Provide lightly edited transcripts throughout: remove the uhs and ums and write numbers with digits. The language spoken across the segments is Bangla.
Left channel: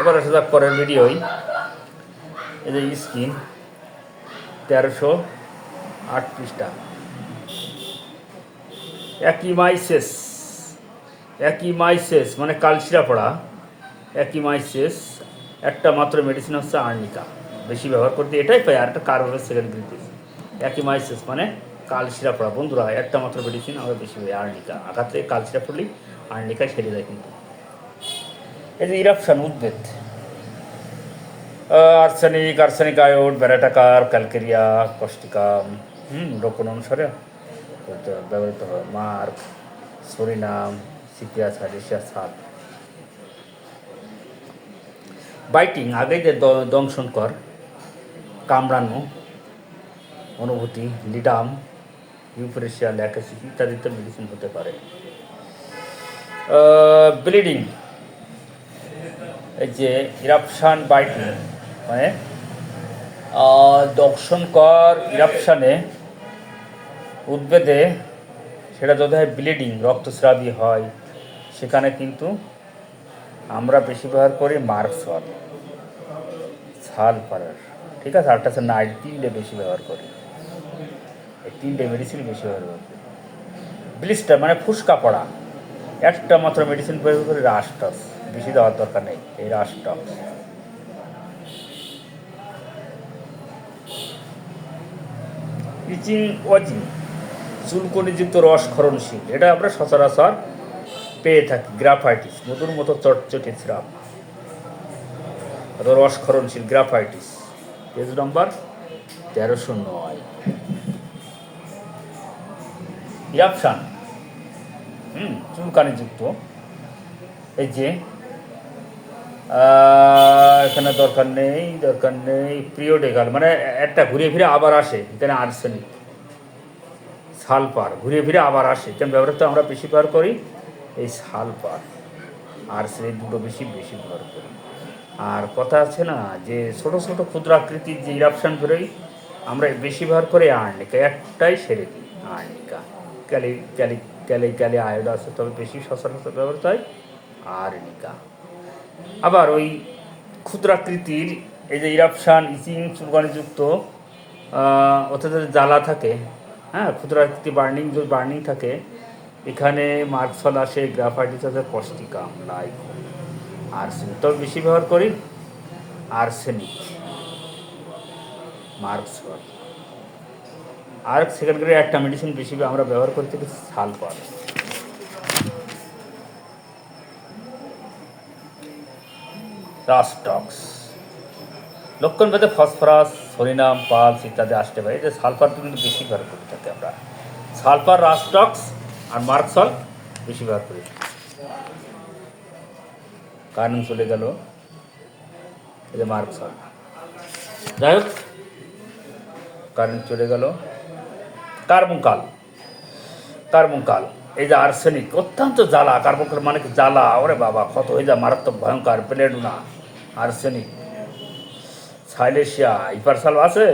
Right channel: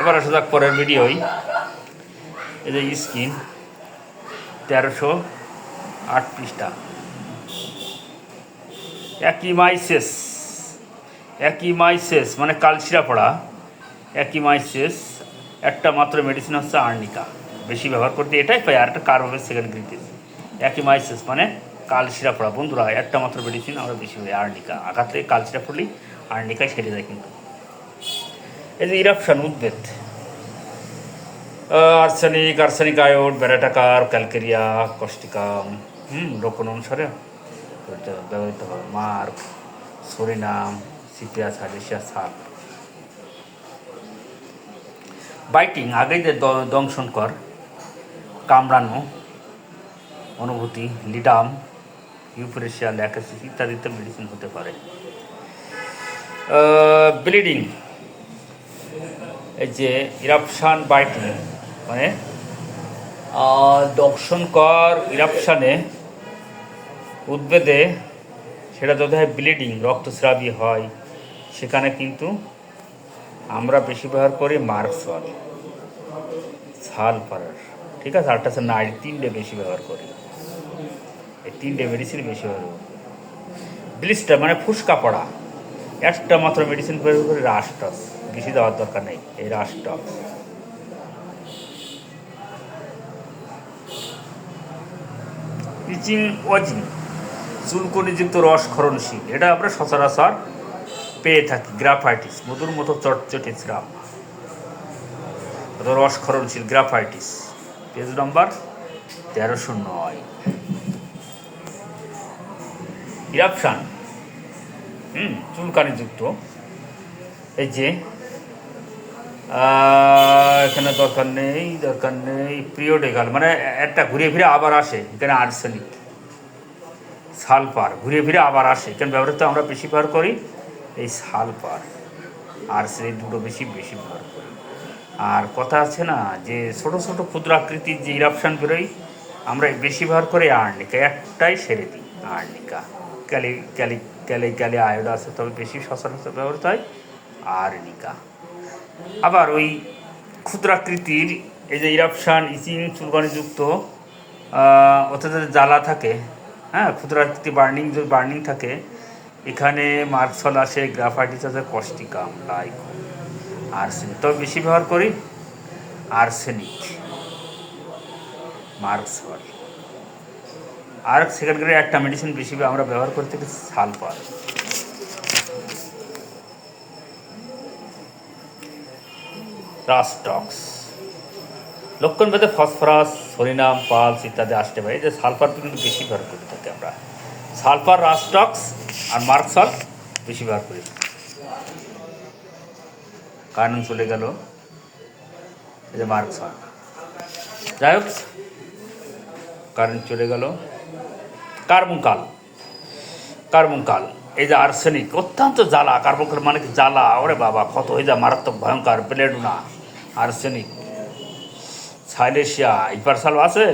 এবার আসা যাক পরের ভিডিওই। এই যে স্কিন 1308 পৃষ্ঠা। অ্যাকিমাইসেস মানে কালশিরা পড়া। অ্যাকিমাইসেস একটা মাত্র মেডিসিন হচ্ছে আর্নিকা। বেশি ব্যবহার করতে এটাই পাই, আর একটা কার্বোভের সেকেন্ড গ্রিটিস। অ্যাকিমাইসেস মানে কালশিরা পড়া। বন্ধুরা, একটা মাত্র মেডিসিন আমরা বেশি পাই আর্নিকা। আঘাত থেকে কালশিরা পড়লেই আর্নিকায় সেরে যায়। কিন্তু এই যে ইরাপশন উদ্ভিদ, আর্সেনিক আয়োড, ব্যারাটাকার, ক্যালকেরিয়া, কস্টিকাম রোপণ অনুসারে ব্যবহৃত হয়। মার্ক, সরিনাম, সিপিয়াস, হাইড্রেশিয়া, সাল। বাইটিং আগেই যে দংশনকর, কামড়ানো অনুভূতি, লিডাম, ইউফোরেশিয়া, ল্যাকাসিস ইত্যাদিতে মেডিসিন হতে পারে। ব্লিডিং, এই যে ইরাপশান বাইটিং মানে দংশনকর ইরাপশানে উদ্ভিদে সেটা যদি হয় ব্লিডিং, রক্তস্রাবী হয়, সেখানে কিন্তু আমরা বেশি ব্যবহার করি মার্কসল, সালফার, ঠিক আছে, আরটা আছে নাইল। তিনটে বেশি ব্যবহার করি, এই তিনটে মেডিসিন বেশি ব্যবহার করি। ব্লিস্টার মানে ফুসকা পড়া, একটা মাত্র মেডিসিন ব্যবহার করি রাস্টক্স। বেশি দেওয়ার দরকার নেই এই রাস্টক্স। ইচিং ওয়াজিং চুলকনিযুক্ত রস ক্ষরণশীল, এটা আমরা সচরাচর পেয়ে থাকি। গ্রাফাইটিস মধুর মতো চটচটে স্রাব, রস ক্ষরণশীল গ্রাফাইটিস। পেজ নম্বর 1309। ইরাপশান চুলকানিযুক্ত, এই যে এখানে দরকার নেই পিরিয়ডিক্যাল মানে একটা ঘুরে ফিরে আবার আসে। এখানে আর্সেনিক, সালফার ঘুরে ফিরে আবার আসে। এখানে ব্যবহৃত আমরা বেশি ব্যবহার করি এই সালফার, আর্সেনিক দুটো বেশি ব্যবহার করি। আর কথা আছে না যে ছোট ছোট ক্ষুদ্র আকৃতির যে ইরাপশান বেরোয়, আমরা বেশি ব্যবহার করি আর্নিকা। একটাই সেরে দিই আর্নিকা। ক্যালি আয়োড আছে, তবে বেশি সচরাচর ব্যবহৃত হয় আর্নিকা। আবার ওই ক্ষুদ্রাকৃতির এই যে ইরাপশান, ইচিং, চুলকানিযুক্ত, ওতে যদি জ্বালা থাকে, হ্যাঁ, ক্ষুদ্রাকৃতি বার্নিং থাকে, এখানে মার্কসল আসে, গ্রাফাইটিস আছে, কস্টিকাম, লাইকো, আর্সেনিক। তবে বেশি ব্যবহার করি আর্সেনিক, মার্কসল। আর সেকেন্ড গ্রেডে একটা মেডিসিন বেশি আমরা ব্যবহার করে থাকি সালফার। রাস্টক্স লক্ষণ ভেদে ফসফরাস, সরিনাম, পালস ইত্যাদি আসতে পারে। এই যে সালফার কিন্তু বেশি ব্যবহার করে থাকি আমরা। সালফার, রাস্টক্স আর মার্কসল বেশি ব্যবহার করি। কারণ চলে গেল এই যে মার্কসল, যাই হোক কারণ চলে গেল। কার্বনকাল, এই যে আর্সেনিক অত্যন্ত জ্বালা। কার্বনকাল মানে কি জ্বালা, ওরে বাবা ক্ষত হয়ে যায়, মারাত্মক ভয়ঙ্কর। বেলেডোনা, আর্সেনিক, সাইলেশিয়া, ইপারসাল আছে।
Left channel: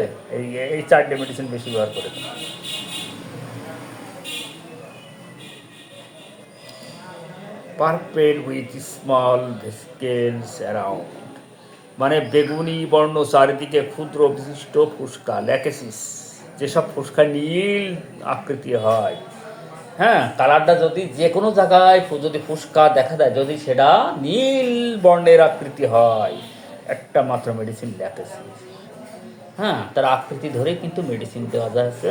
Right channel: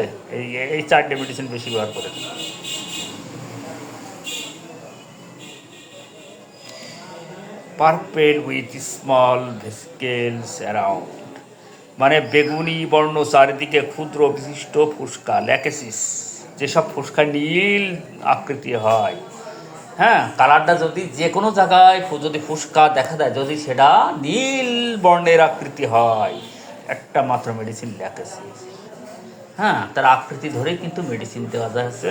এই চারটে মেডিসিন বেশি ব্যবহার করে। Purple with small vesicles around মানে বেগুনি বর্ণ, চারিদিকে ক্ষুদ্র বিশিষ্ট ফুসকা, ল্যাকেসিস। যেসব ফুসকা নীল আকৃতি হয়, হ্যাঁ, কালারটা যদি যে কোনো জায়গায় যদি ফুসকা দেখা দেয়, যদি সেটা নীল বর্ণের আকৃতি হয়, একটা মাত্র মেডিসিন ল্যাকেসিস। হ্যাঁ, তার আকৃতি ধরেই কিন্তু মেডিসিন দেওয়া যায় হচ্ছে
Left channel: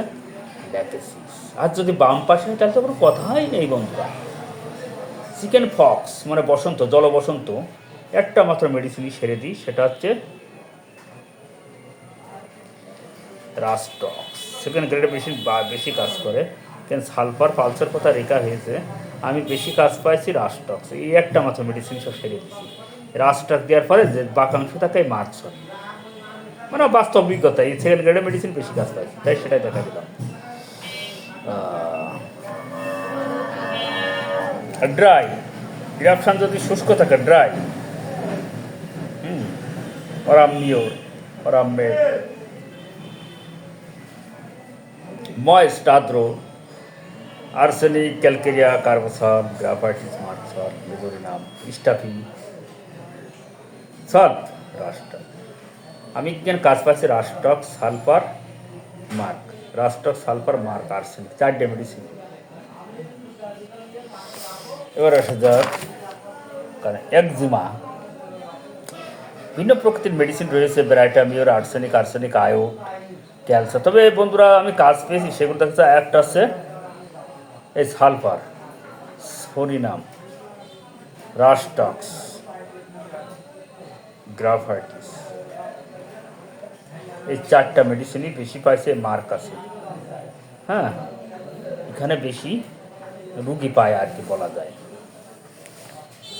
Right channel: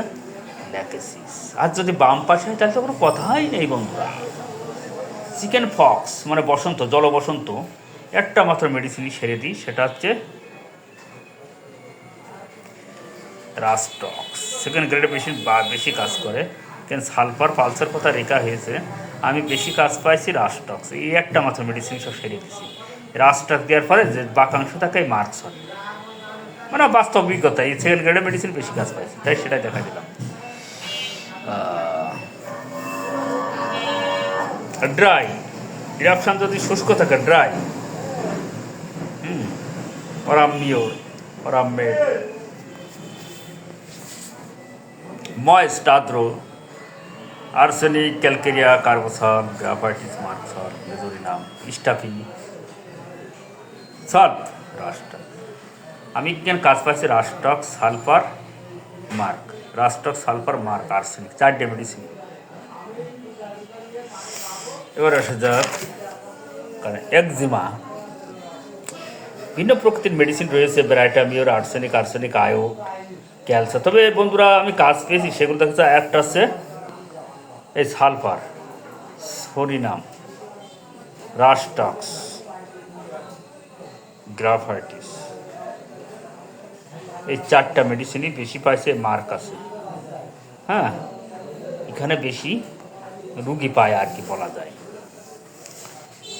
ল্যাকেসিস। আর যদি বাম পাশে হয় তাহলে তো কোনো কথাই নেই বন্ধুরা। চিকেন ফক্স মানে বসন্ত, জলবসন্ত, একটা মাত্র মেডিসিনই সেরে দিই, সেটা হচ্ছে রাস্টক্স। সেকেন্ড গ্রেডে বেশি কাজ করে। কিন্তু সালফার, পালসের কথা রেখা হয়েছে, আমি বেশি কাজ পাইছি রাস্টক্স। এই একটা মাত্র মেডিসিন সব সেরে দিছি। রাস্টক্স দেওয়ার পরে যে বাকাংশ থাকে মার্কস হয়, মানে বাস্তব অভিজ্ঞতা। এই সেকেন্ড গ্রেডের মেডিসিন বেশি কাজ পাইছি, তাই সেটাই দেখা দিলাম। ড্রাই ইরাপশান যদি শুষ্ক থাকে, ড্রাই, অরামমেড, ময়েস্ট, আর্দ্র, arsenic, calcarea, কার্বোসাল, graphites, merc sol, মেজোরিনাম, stuffy, solve রাস্টক। আমি কেন কাজ পাচ্ছি রাস্টক sulphur mark, রাস্টক sulphur mark arsenic, 4টে medicine. এবার আসা যাক একজিমা। ভিন্ন প্রকৃতির মেডিসিন রয়েছে, ব্রাইটামিওর, আর্সেনিক, আর্সেনিক আয়ো, ক্যালসিয়াম। তবে বন্ধুরা আমি কাজ পেয়েছি সেগুলো দেখছে, একটা আছে এই সালফার, সরিনাম, রাস্টক্স, গ্রাফাইটিস, এই 4টা মেডিসিনই বেশি পাইছে, মার্ক আছে। হ্যাঁ, এখানে বেশি রুগী পায় আর কি বলা যায়।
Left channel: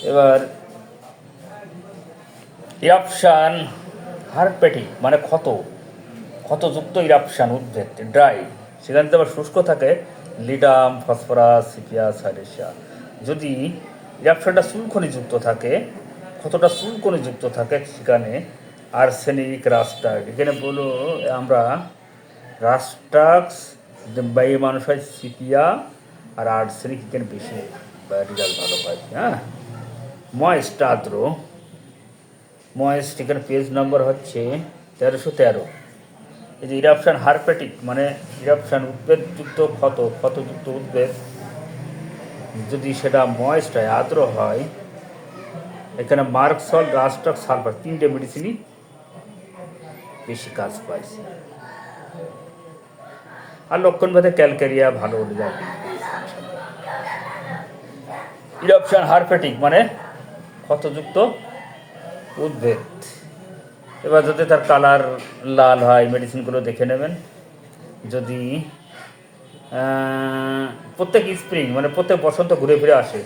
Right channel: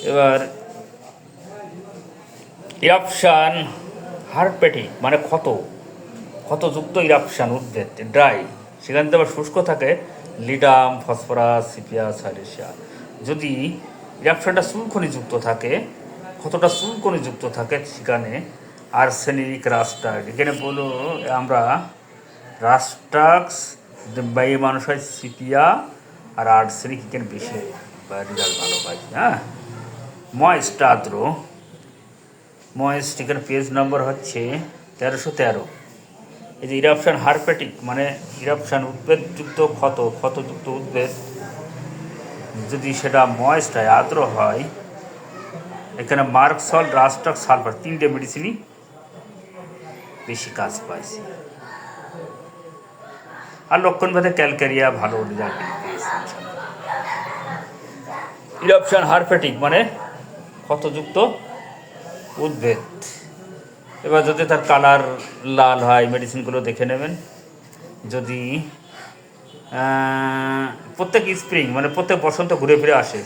এবার ইরাপশান হারপেটিক মানে ক্ষতযুক্ত ইরাপশান উদ্ভিদ ড্রাই, সেখান থেকে আবার শুষ্ক থাকে লিডাম, ফসফরাস, সিপিয়া, সাইরেশিয়া। যদি ইরাপশানটা চুলকনিযুক্ত থাকে, ক্ষতটা চুলকনিযুক্ত থাকে, সেখানে আর্সেনিক, রাস্টাক। এখানে বলো আমরা রাস্টাক্স বাই মানুষ হয় সিপিয়া, আর আর্সেনিক এখানে বেশি রেজাল্ট ভালো হয়। হ্যাঁ, ময়েস্ট আদ্র, ময়েস্ট এখানে পেজ নম্বর হচ্ছে 1313। এই যে ইরাপশান হারপেটিক মানে ইরাপশান উদ্ভিদযুক্ত ক্ষতযুক্ত উদ্ভিদ, যদি সেটা ময়েস্ট হয়, আর্দ্র হয়, এখানে মার্ক সল্ট, রাস্টক, সালফার 3টে মেডিসিনই বেশি কাজ পাইছে। আর লক্ষণভেদে ক্যালকেরিয়া ভালো রেজাল্ট পেয়েছে। ইরাপশান হারপেটিক মানে ক্ষতযুক্ত উদ্ভিদ। এবার যদি তার কালার লাল হয়, মেডিসিনগুলো দেখে নেবেন। যদি প্রত্যেক স্প্রিং মানে প্রত্যেক বসন্ত ঘুরে ফিরে আসে,